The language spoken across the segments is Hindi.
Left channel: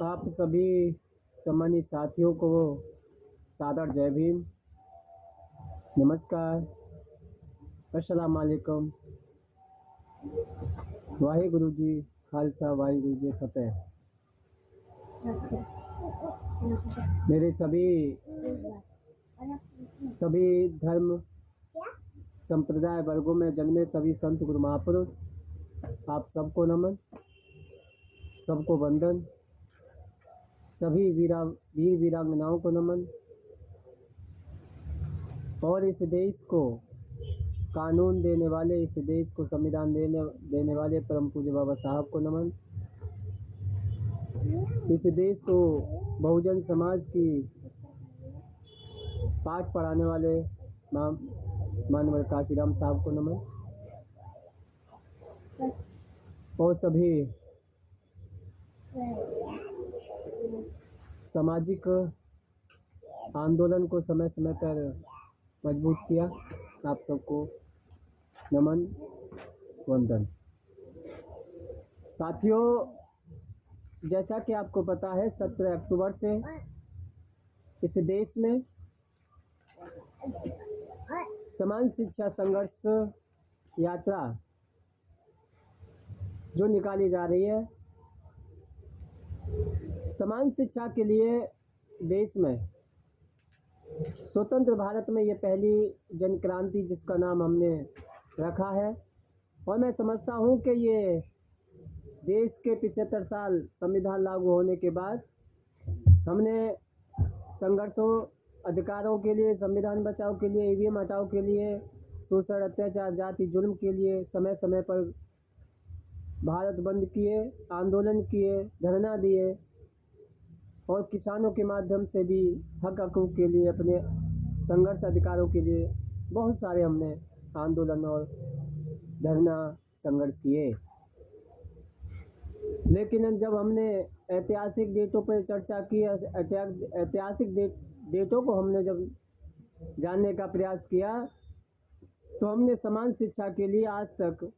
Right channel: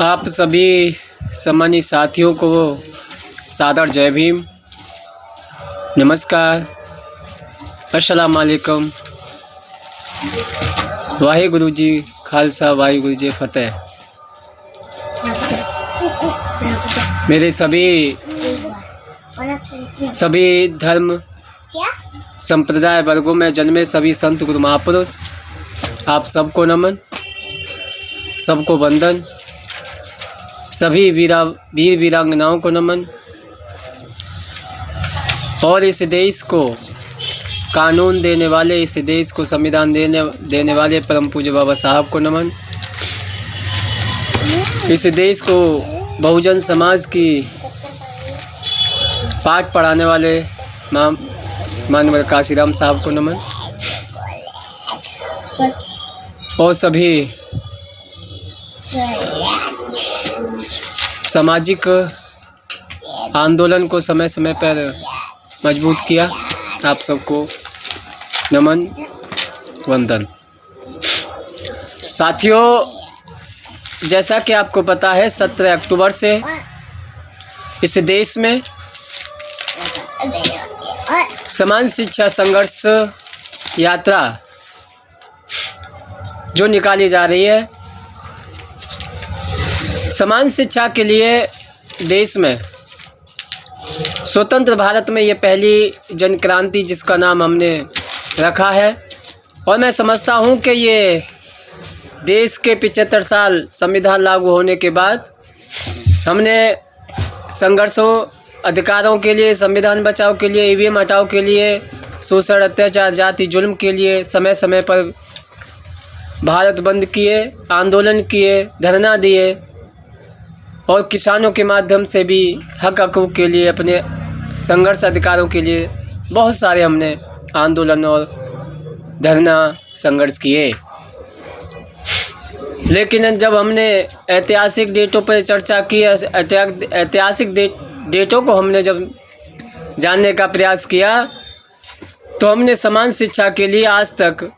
आप सभी सम्मानित साथियों को सादर जय भीम, नमस्कार, अस्सलाम वालेकुम, वाहिगुरु जी खालसा वाहिगुरु जी फतेह। मेरे सभी धर्म संप्रदाय वर्गों में जन्मे सभी संत गुरु महापुरुष, आप सबको नमन, सबको वंदन, सभी वीर वीरांगनाओं को नमन और इस देश को कानून देने वाले, इस देश को संविधान देने वाले परम पूज्य बाबा साहब को नमन। इस देश को बहुजन समाज की पाठ पढ़ाने वाले मानवर काशीराम साहब को नमन और सभी सामाजिक आंदोलन को समय समय पर मजबूत किया, आप सबको नमन वंदन। साथियों, जैसा कि आपको पता है 17 अक्टूबर से इस देश में समान शिक्षा संघर्ष यात्रा जो निकाली जा रही है, समान शिक्षा के लिए देश में स्वतंत्र भारत में ये पहली जन क्रांति जिसका नाम हमने रखा है। और मैं समझता हूँ कि ये देश के 75 साल संविधान लागू होने के बाद हमने संघर्षों, अधिकारों के लिए, संविधान बचाओ के लिए, ईवीएम हटाओ के लिए, शोषण, अत्याचार, जाति जुल्म के लिए समय समय पर भारत बंद किए, आंदोलन किए, धरना दिए और किसानों के माध्यम से भी हक हकूक़ के लिए, अपने संघर्ष अधिकारों के लिए बहुत सारे हमने आंदोलन और धरना संघर्ष किए। लेकिन जब हमने ऐतिहासिक डेटों पर चर्चा की, ऐतिहासिक डेटों को हमने जब जानने का प्रयास किया, तो हमने समान शिक्षा के लिए आज तक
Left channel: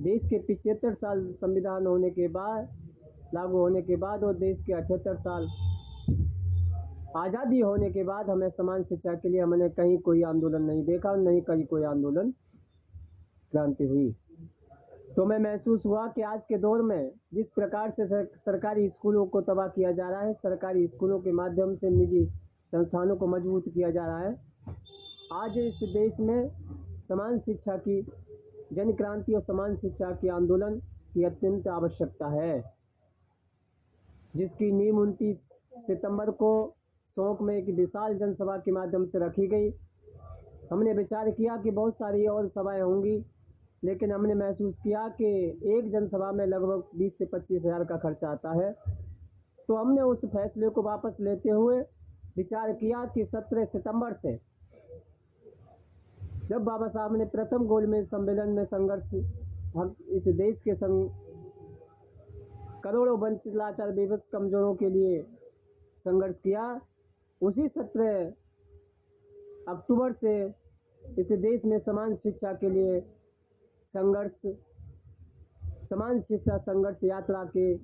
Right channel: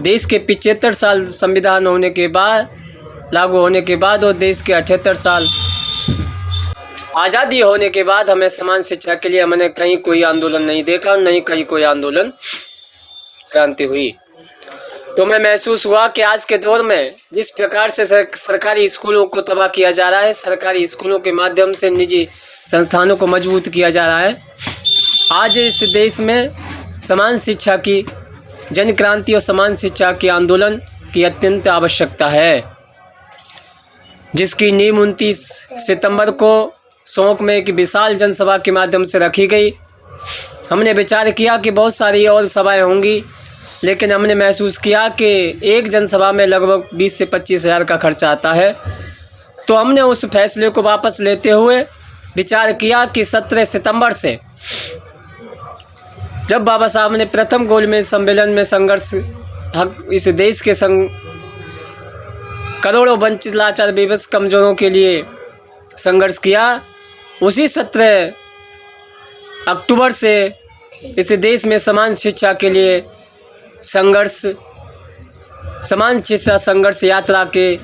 देश के 75 साल संविधान होने के बाद, लागू होने के बाद, और देश के 78 साल आज़ादी होने के बाद हमें समान शिक्षा के लिए हमने कहीं कोई आंदोलन नहीं देखा, नहीं कहीं कोई आंदोलन क्रांति हुई। तो मैं महसूस हुआ कि आज के दौर में जिस प्रकार से सरकारी स्कूलों को तबाह किया जा रहा है, सरकारी स्कूलों के माध्यम से निजी संस्थानों को मजबूत किया जा रहा है, आज इस देश में समान शिक्षा की जन क्रांति और समान शिक्षा के आंदोलन की अत्यंत आवश्यकता है, जिसकी नींव 29 सितंबर को शौक में एक विशाल जनसभा के माध्यम से रखी गई। हमने विचार किया कि बहुत सारी और सभाएं होंगी, लेकिन हमने महसूस किया कि एक जनसभा में लगभग 20 से 25 हज़ार का खर्चा आता है। तो हमने उस फैसले को वापस लेते हुए विचार किया कि 17 सितंबर से जब बाबा साहब ने प्रथम गोलमेज सम्मेलन में संघर्ष हक इस देश के करोड़ों वंचित, लाचार, बेबस, कमजोरों के लिए संघर्ष किया, उसी 17 अक्टूबर से इस देश में समान शिक्षा के लिए संघर्ष, समान शिक्षा संघर्ष यात्रा के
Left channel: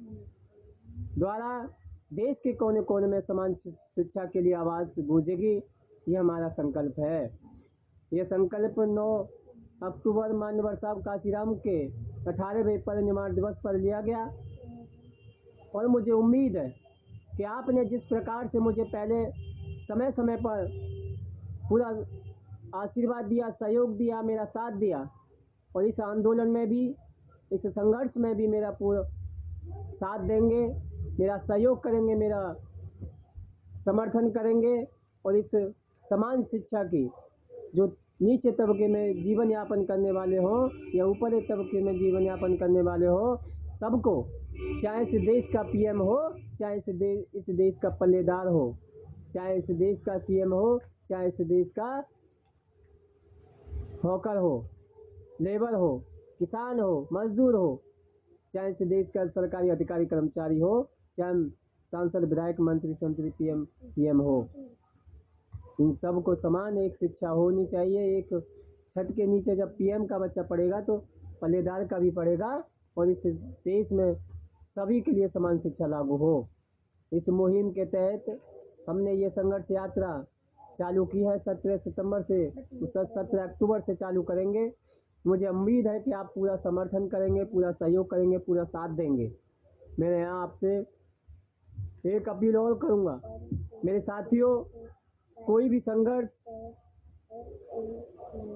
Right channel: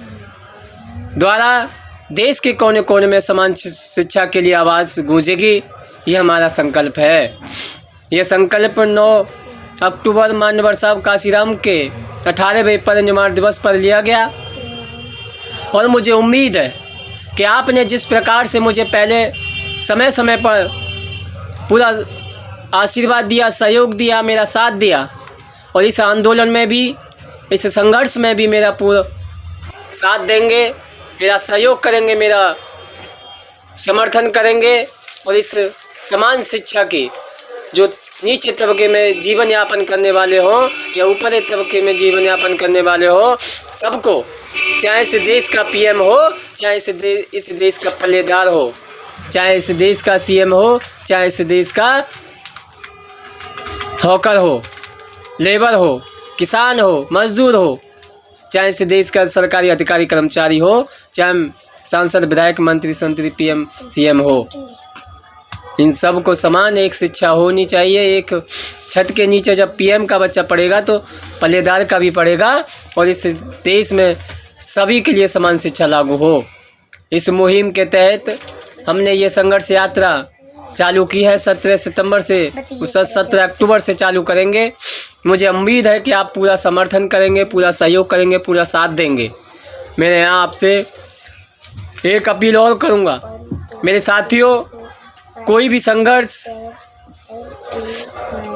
द्वारा देश के कोने कोने में समान शिक्षा के लिए आवाज़ गूंजेगी। ये हमारा संकल्प है। यह संकल्प 9 अक्टूबर मानवर साहब काशीराम के 18वें परिनिर्वाण दिवस पर लिया गया और मुझे उम्मीद है कि आपने जिस प्रकार से मुझे पहले समय समय पर पूरा आशीर्वाद दिया, सहयोग दिया, मेरा साथ दिया, और इस आंदोलन में भी, इस संघर्ष में भी मेरा पूरा साथ देंगे, मेरा सहयोग करेंगे, मेरा समर्थन करेंगे, और इस समान शिक्षा की जो नीचे तबके में जीवन यापन करने वाले हों या ऊपरी तबके में जीवन यापन करने वाले हो, सबको, चाहे इस देश का पीएम हो, चाहे इस देश का पल्लेदार हो, चाहे इस देश का सीएम हो, चाहे इस देश का हॉकर हो, लेबर हो, किसान हो, मजदूर हो, चाहे इस देश का सरकारी अधिकारी कर्मचारी हो, चाहे सांसद, विधायक, मंत्री, संतरी, पीएम, सीएम हो, इन सब को समान एक शिक्षा होनी चाहिए। एक छत के नीचे जब पीएम का बच्चा पढ़ेगा तो पल्लेदार का भी पढ़ेगा, और इस देश में सभी के लिए समान शिक्षा लागू हो। इस मुहिम के तहत हमने ये संघर्ष यात्रा चालू की है। 17 सितंबर से 17 अक्टूबर से चालू करेंगे। मुझे उम्मीद है कि आप पूरा समर्थन करेंगे, पूरा सहयोग करेंगे, पूरा साथ देंगे। मैं यहाँ आपसे एक अपील और करूँगा, मेरे साथियों, कोई भी संघर्ष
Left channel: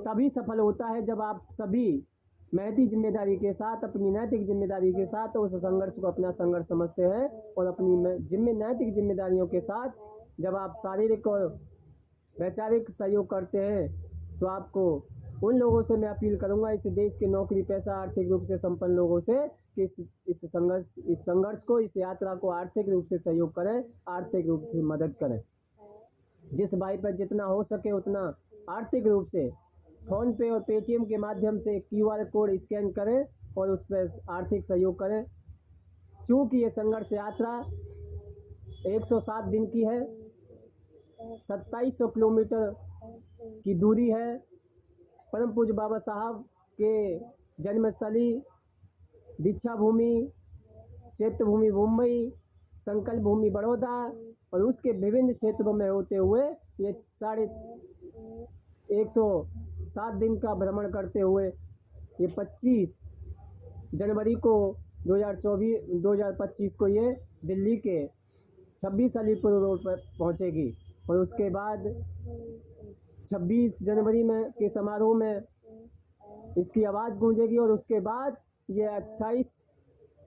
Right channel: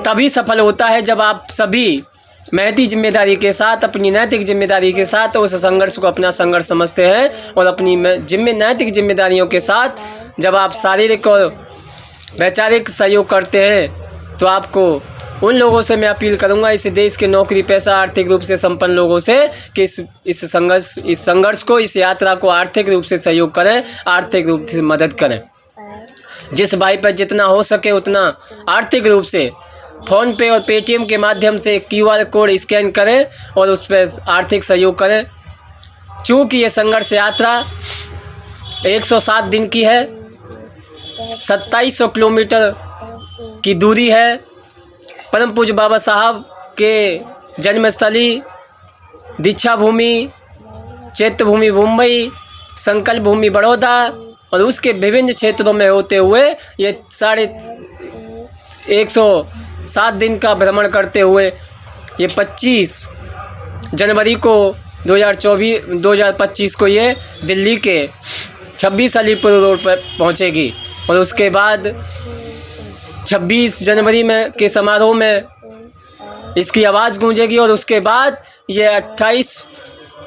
तभी सफल होता है जब आप सभी महती जिम्मेदारी के साथ, अपनी नैतिक जिम्मेदारी के साथ उस संघर्ष को अपना संघर्ष समझते हैं और अपनी नैतिक जिम्मेदारियों के साथ जब आप शारीरिक और वैचारिक सहयोग करते हैं, तो आपको उन लोगों से मैं अपील करूंगा, इस देश के नौकरी पेशा आर्थिक रूप से संपन्न लोगों से, कि इस संघर्ष को, इस यात्रा को आर्थिक रूप से सहयोग करें, आर्थिक रूप से मदद करें। जिस भाई पर जितना हो सके उतना आर्थिक रूप से फ़ोन पे और पेटीएम के माध्यम से QR कोड स्कैन करें और उस पर आर्थिक सहयोग करें। चूँकि ये संघर्ष यात्रा 107 दिन की है, 2700 किलोमीटर की दूरी है। परम पूज्य बाबा साहब के जन्मस्थली, दीक्षा भूमि, चैत्य भूमि मुंबई, संकल्प भूमि बड़ौदा और उसके विभिन्न क्षेत्रों में होते हुए ये 107 दिन का भ्रमण करते हुए ये 25 जनवरी को 2025 को ये दिल्ली के 26 अलीपुर रोड पर पहुंचेगी और उसके बाद 26 जनवरी में के समारोह में इसकी आवाज़ गूंजेगी और उसके बाद ये 28,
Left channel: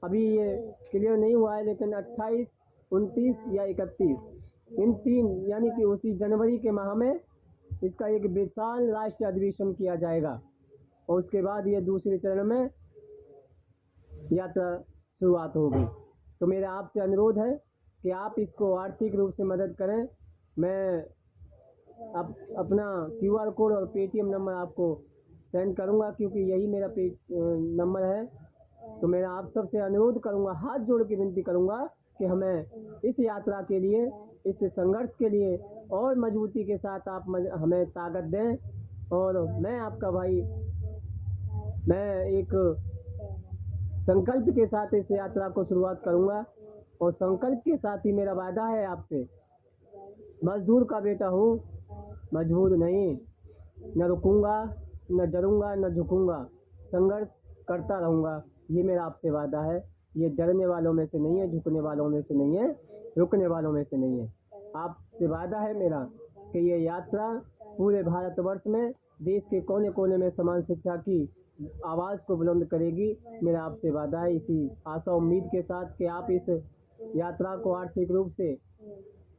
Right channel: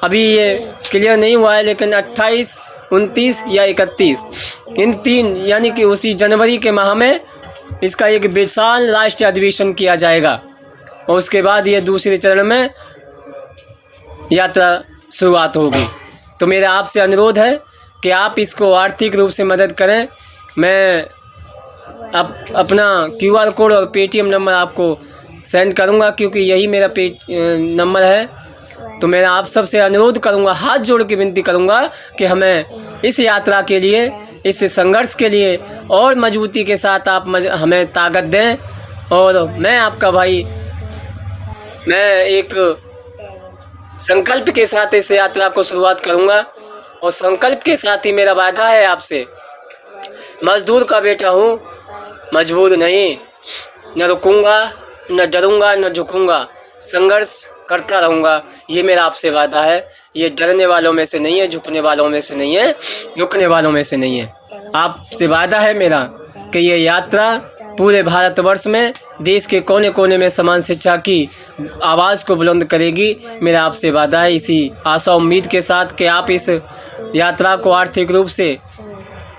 अभी ये क्लियर नहीं हुआ है, लेकिन 28, 29 या 31, इन 3 यानी कि उसी जनवरी के माह में इसका एक विशाल राष्ट्रीय अधिवेशन किया जाएगा और उसके बाद ये दूसरे चरण में यात्रा शुरुआत होगी। तो मेरा आपसे अनुरोध है कि आप इसको आर्थिक रूप से मदद करें। मैं अपना QR कोड और पेटीएम नंबर आपको सेंड करूंगा, क्योंकि यही मेरा नंबर है। तो मैं आप सबसे अनुरोध करूंगा, हाथ जोड़ के विनती करूंगा कि हमें इस यात्रा के लिए, इस संघर्ष के लिए और मजबूती के साथ आप हमें ताकत दें। और मैं आपका भाई, मैं एक संकल्प के साथ इस यात्रा को शुरुआत करूंगा और संकल्प के साथ ही मेरा वादा है आपसे, मजदूर का बेटा हूँ, मजबूर नहीं, न रुकूंगा, न डरूंगा, न झुकूंगा, संघर्ष करता रहूँगा। ये मेरा आपसे वादा है। ये डरने वालों में से नहीं है, झुकने वालों में से नहीं है, रुकने वालों में से नहीं है। आपसे वादा है मेरा कि ये यात्रा पूरे भारतवर्ष में, देश के कोने कोने में समान शिक्षा की आवाज़ को बुलंद करेगी। मेरा आपसे वादा है, इसी आशा उम्मीद के साथ कि आप इस यात्रा को आर्थिक रूप से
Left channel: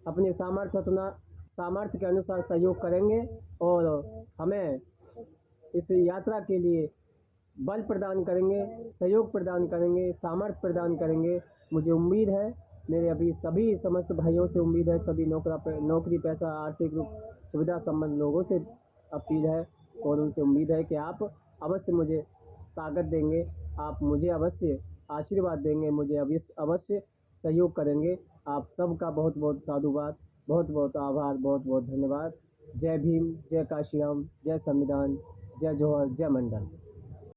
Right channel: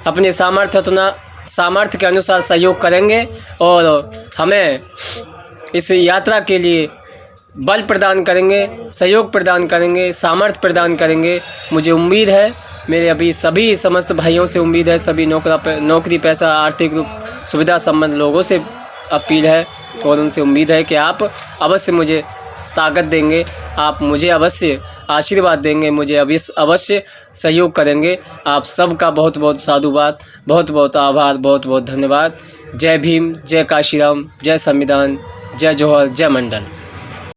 अपने सामर्थ्य के अनुसार सहयोग करेंगे और हमें इस यात्रा के लिए बल प्रदान करेंगे, सहयोग प्रदान करेंगे, सामर्थ्य प्रदान करेंगे। मुझे उम्मीद है, मेरे अभी सभी समस्त भाइयों से उम्मीद है, सभी नौकरी पैसा आर्थिक रूप सुविधा संबंध लोगों से अपील है और उनसे उम्मीद है कि आप अवश्य मुझे ताकत देंगे, आप मुझे अवश्य आशीर्वाद देंगे, मुझे अवश्य सहयोग करेंगे। आप सबका बहुत बहुत साधुवाद, बहुत बहुत आभार, बहुत बहुत धन्यवाद। जय भीम, जय काशीराम, जय संविधान, जय जोहर, जय मंडल।